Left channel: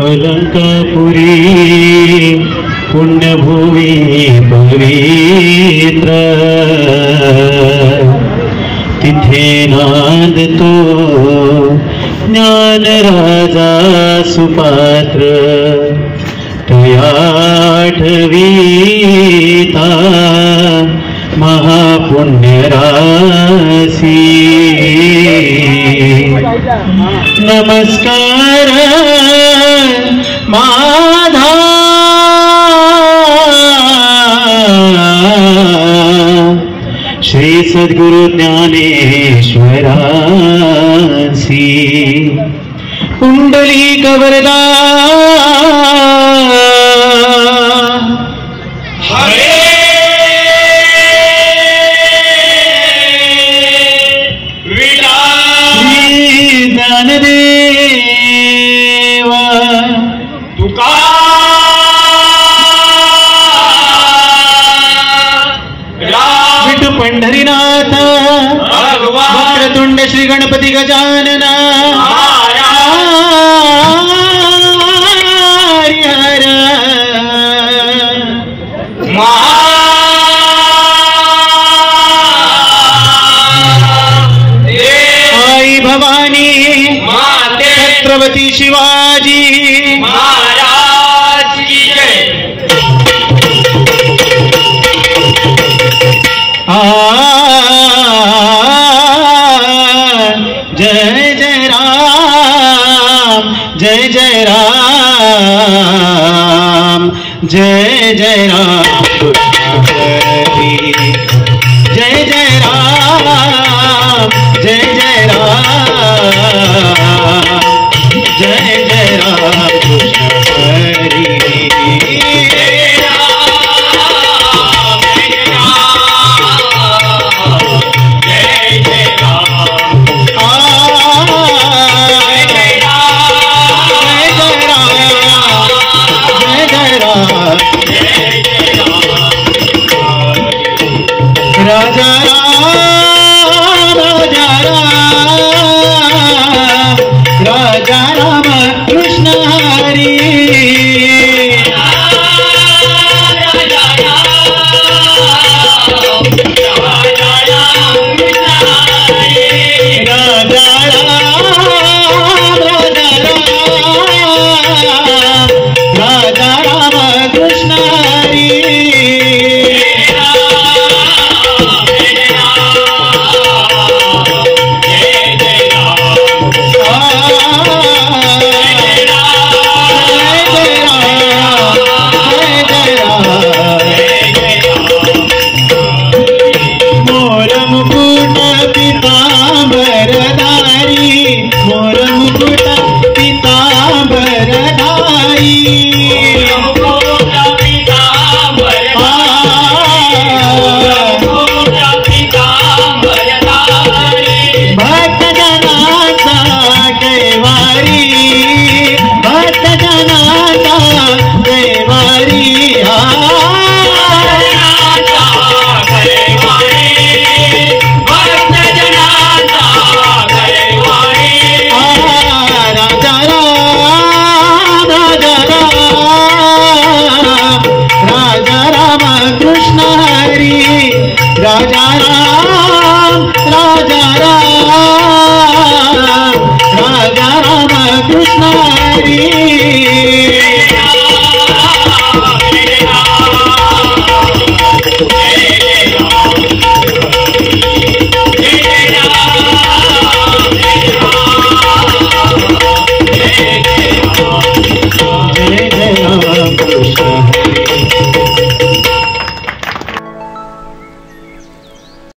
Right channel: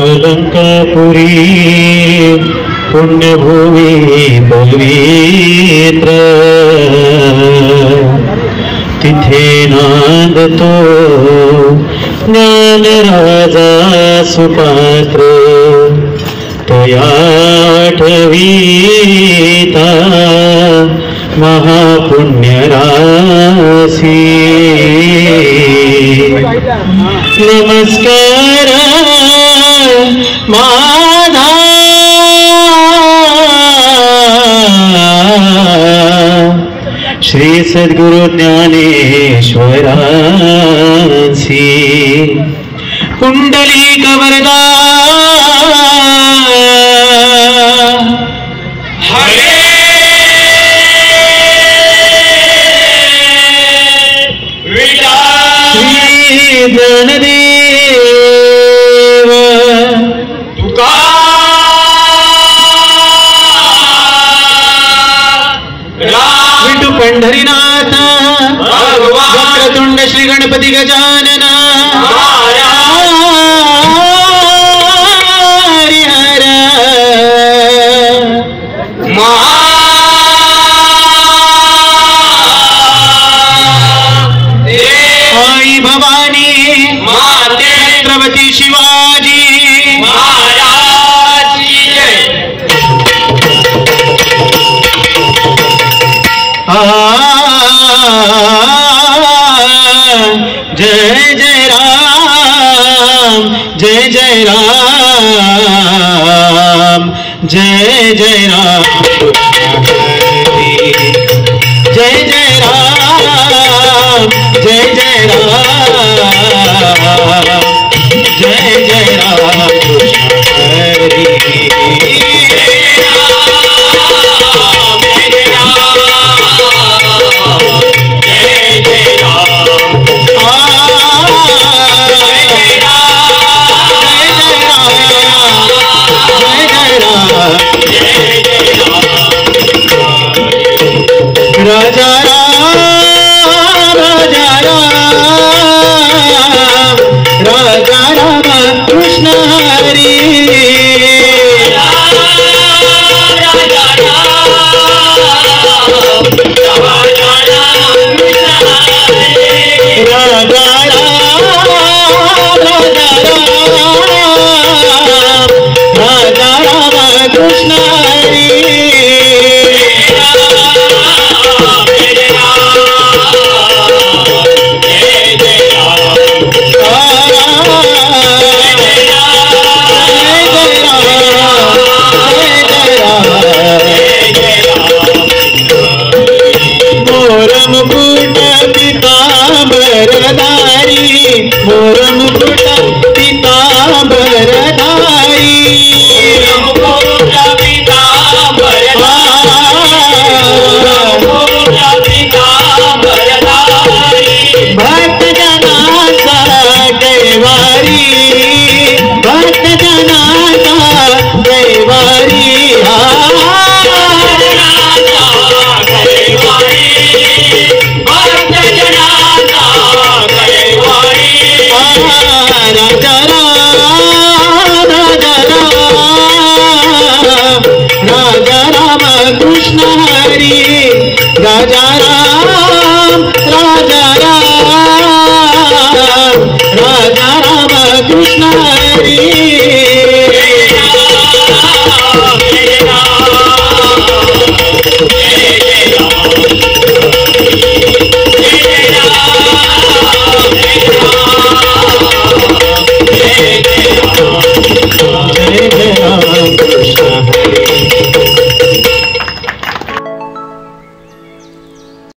अलंकापुरी पुण्यभूमी पवित्र तिथे नांदतो ज्ञानराजा सुपात्र तया ठवीता महापुण्यराशी नमस्कार माधा श्री सद्गुरु ज्ञानेश्वरांसी कुंडलिक वरदा ज्ञानदेव तुका विठू पंढरीनाथ वक्रतुंड श्री गणपती गजानन हरिहर आई भवानी छत्रपती शिवाजी महाराज की जय जय जय राम जय जय राम जय जय राम जय जय राम जय जय राम जय जय